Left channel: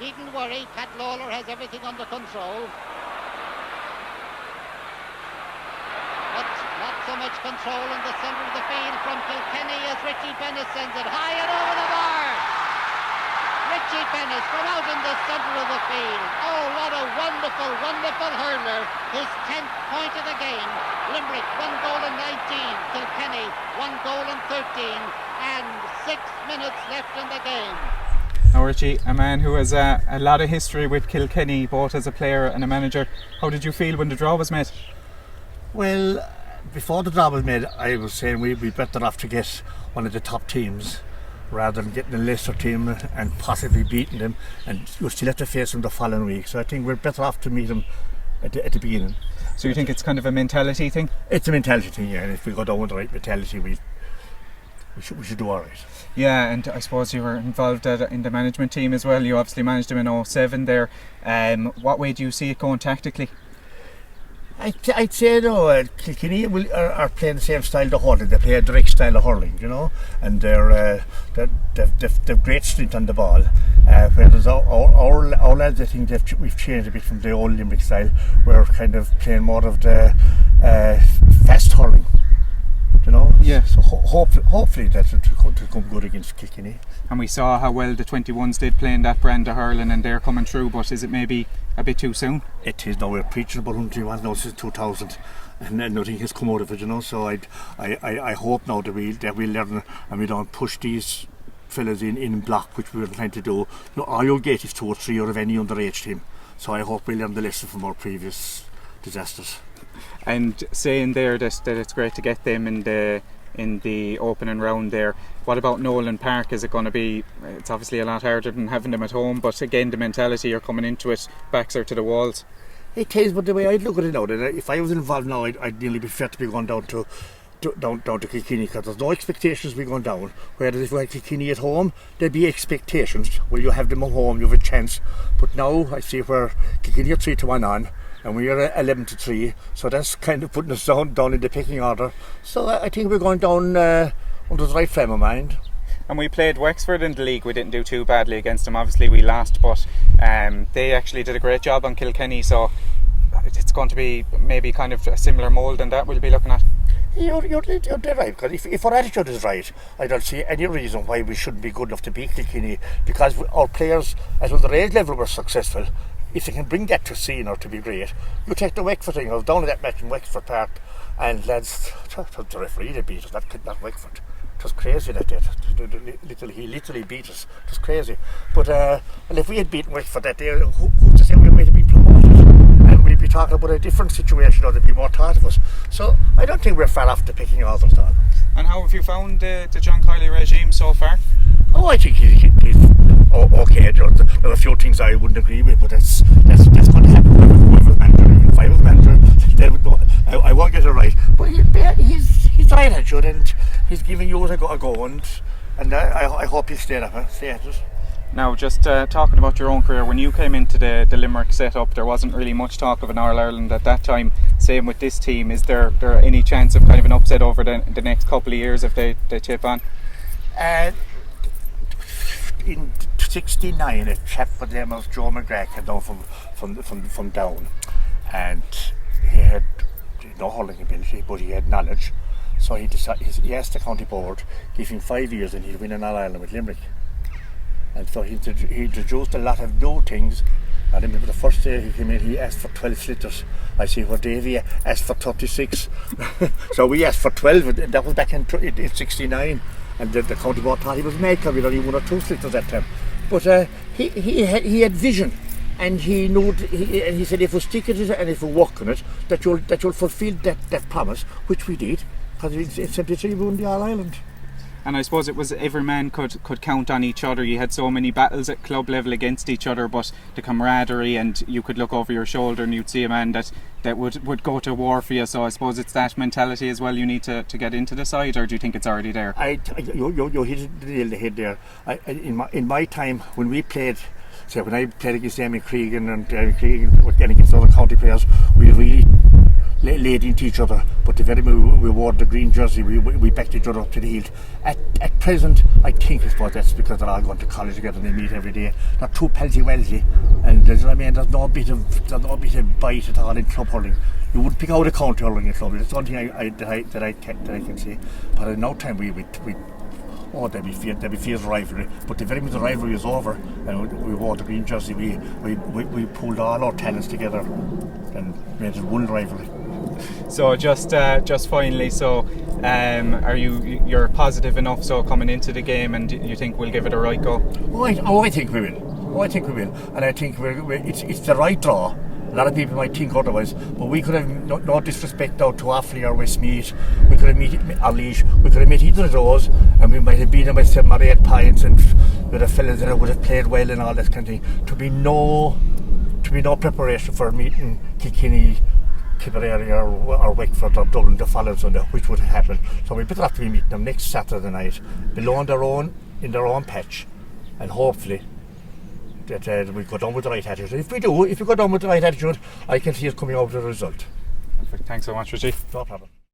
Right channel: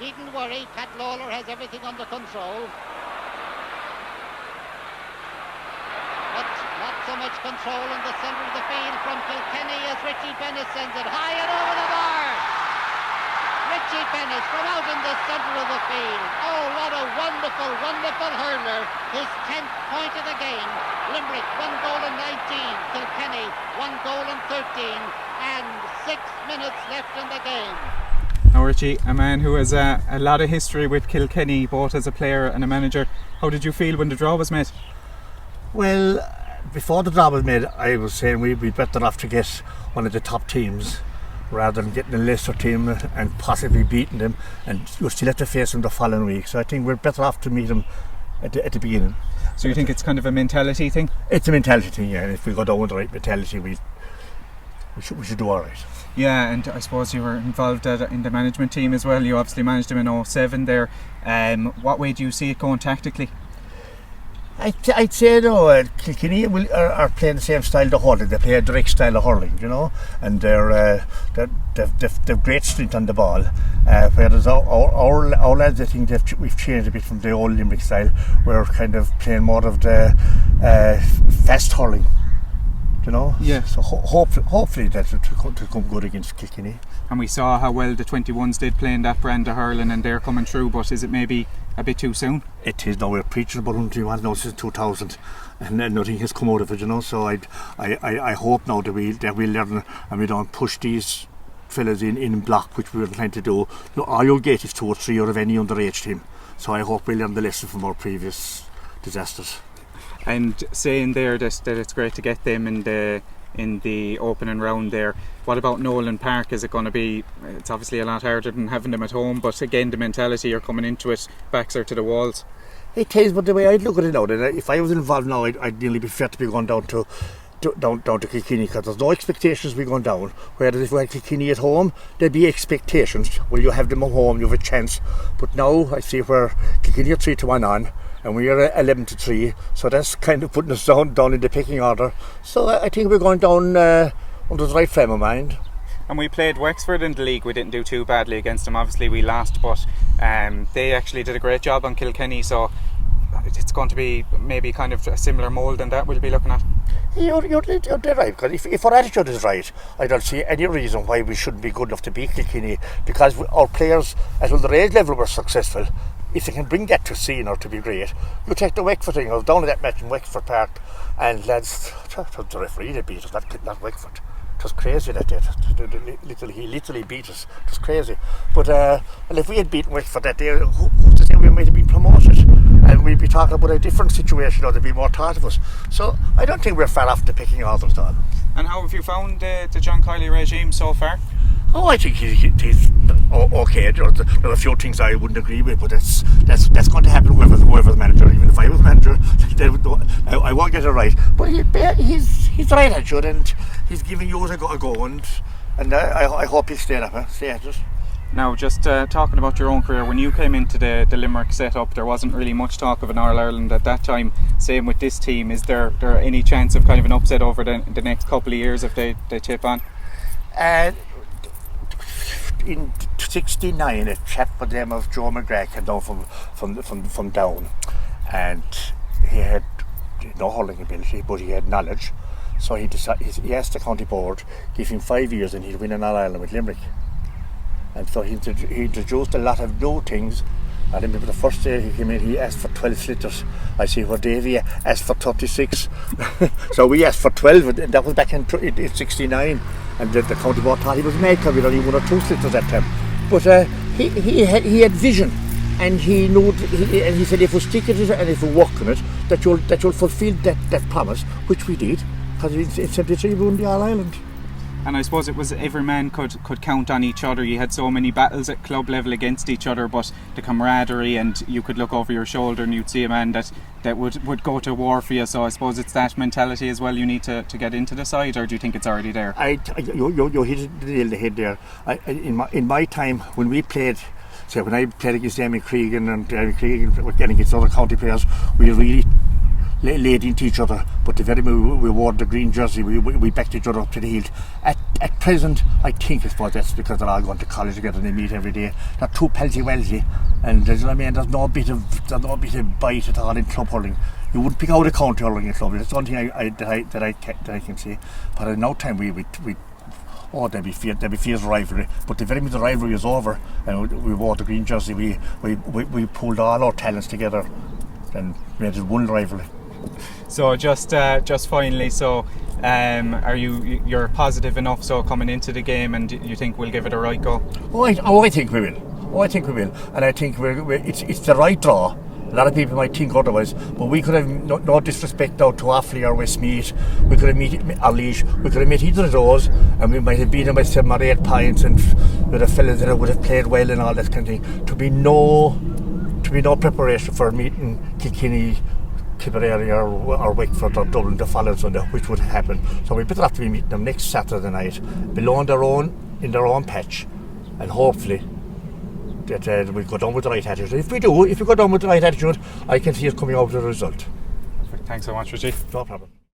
needn't worry, Pat Lawler has everything under control. But not so much control in the centre of the field from Kilkenny as Richie Bennis sends it high and over the bar. Richie Bennis from out in the centre of the field. Oh, what a wonderful, wonderful hurler. His 10th point of the game. Limerick 1 goal in 19. Kilkenny 1 goal in 13. And 6 minutes left in the game. Now Richie, a man who has a lot of history with Kilkenny, both as a player and a manager, how did you feel when the draw was made? Well, before the draw was made, I was saying we'd be better off to get one of the top teams rather than getting a lesser team and possibly beating them, and you'll still have to face them the following week. So I think we're better off to meet them at the beginning. So you think it's kind of a mentality thing? It's a mentality thing, yeah. And if we go down with the right mentality, we should do all right. Yeah, and I suppose you were involved in the management team as well. You obviously managed them in 07 there. What way do you see it going tactically? I'd say Kilkenny are playing the same style of hurling. They play a direct style of hurling, you know, and they've great strength on the ball. Whereas our lads, I think we've changed a bit from the old Limerick style. We're kind of playing more of the fast hurling, you know. Yeah. So hopefully that will come good against Kilkenny. And we saw how well the 21s did play in that brand of hurling, and they're coming through. But is it maybe a bit too soon? It is. Now we're preaching about 121 now since 2000, and nothing has come out of it, you know. So I hope now that we learn and we don't push these fellas in block, which we were trying to do. You know, all you'll get is 2 or 3 out of any underage team. So I hope we learn the lesson from our previous disasters. And saying there that it's great to get them in the opening round there. What about Nolan Park? Is it going to be? It's obviously a lot harder than having them at home, but again, the mentality you're coming into it, backs are to the walls. It is, but the way I'd look at it now, that if I was involved now, I'd nearly be fair to be going down to Kilkenny, because there's no expectations we going down. Whereas if we had Kilkenny at home, there'd be expectations. Well, you have them at home, you have a chance. But now I see where Kilkenny are 3-1 on, and we are 11-3, so that's kind of putting us down in the pecking order. So I think we're going down under the right frame of mind. And we played Wexford in the league. We didn't do too badly against them. Obviously we lost, but they actually did a great job on Kilkenny, so it's going to be maybe kind of a similar mould than that we'll be looking at. You're dead right, because if our attitude is right, I don't see any reason why we shouldn't be good enough to beat Kilkenny, because our players, as well the age level, were successful. If they can bring that to senior, to be great. You take the Wexford thing. I was down at that match in Wexford Park, and lads, the referee that beat us, not Wexford. It was crazy that day. He literally beat us. It was crazy. But well, if we had beaten Wexford that day, who's to say we might have been promoted? And we'd be talking about a different situation, or there'd be more thought of us. So I don't think we're far off the picking orders, Don. And how have you found the John Kiley regime so far? Oh, I think he's okay. There are a few things I wouldn't agree with, but that's going to happen whoever's manager. Even if I was manager, I won't get it right. But he's right attitude, and he's giving you a go, and I hope he'll stay at it. Now, just talking about your own career, when you came into the Limerick setup, there wasn't really much talk of an All-Ireland at that time. Same with this team. Is there any chance of kind of an upset over the next couple of years if they tip on? In '69, a chap by the name of Joe McGrath came down from Down, and he had no hurling ability, but he had knowledge. So he asked the county board, give him 5 years and he'd win an All-Ireland with Limerick. And so he introduced a lot of new things. I remember the first day he came in, he asked for 12 slitters. I see where Davy asked for 36. So we asked for 12, and that was back in '69. And the county board thought he was mad because we only 1 or 2 slitters that time. But he had vision, and he knew. And he said, if we stick at it and if we work on it, that you'll fulfil that promise, which we did. Because in '73 we won the All-Ireland. And I suppose it was every man could count on each other. You had so many battles at club level against each other, but the camaraderie, and you could look over your shoulder and you'd see a man that would go to war for you. So I suppose it's that mentality as well you need to get into the side, or do you think it's already there? You hit the nail on the head there. In my time when we played, when I played against Damien Cregan and Damien Cregan were getting against other county players, we really laid into each other, but the very minute we wore the green jersey, we backed each other up to the hilt. At present, I think that's because they're all going to college together and they meet every day. They're too palsy-walsy, and there's no bit of bite at all in club hurling. You wouldn't pick out a county hurling in club. That's the only thing that I can say. But in no time there'd be fierce rivalry. But the very minute the rivalry is over and we wore the green jersey, we pulled all our talents together and made it one rivalry. So just finally, so are you're positive enough so coming into the game, and you think we'll give it a right go? I think we will. And I think it's the right draw. A lot of people might think otherwise, but we could have no disrespect out to Offaly or Westmeath. We could have met Arlaoise. We could have met either of those, and we might have beaten them by 7 or 8 points, and with the fellas that would have played well and all that kind of thing. To be no preparation for meeting Kilkenny, Tipperary or Wexford or Dublin the following Sunday, which would happen. So we better have to be meeting them next Saturday night, below in their own patch, and hopefully that we'll go down with the right attitude. If we go down with the right attitude, I can see it coming out with a result. Perfect. Thanks so much, Richie. No problem.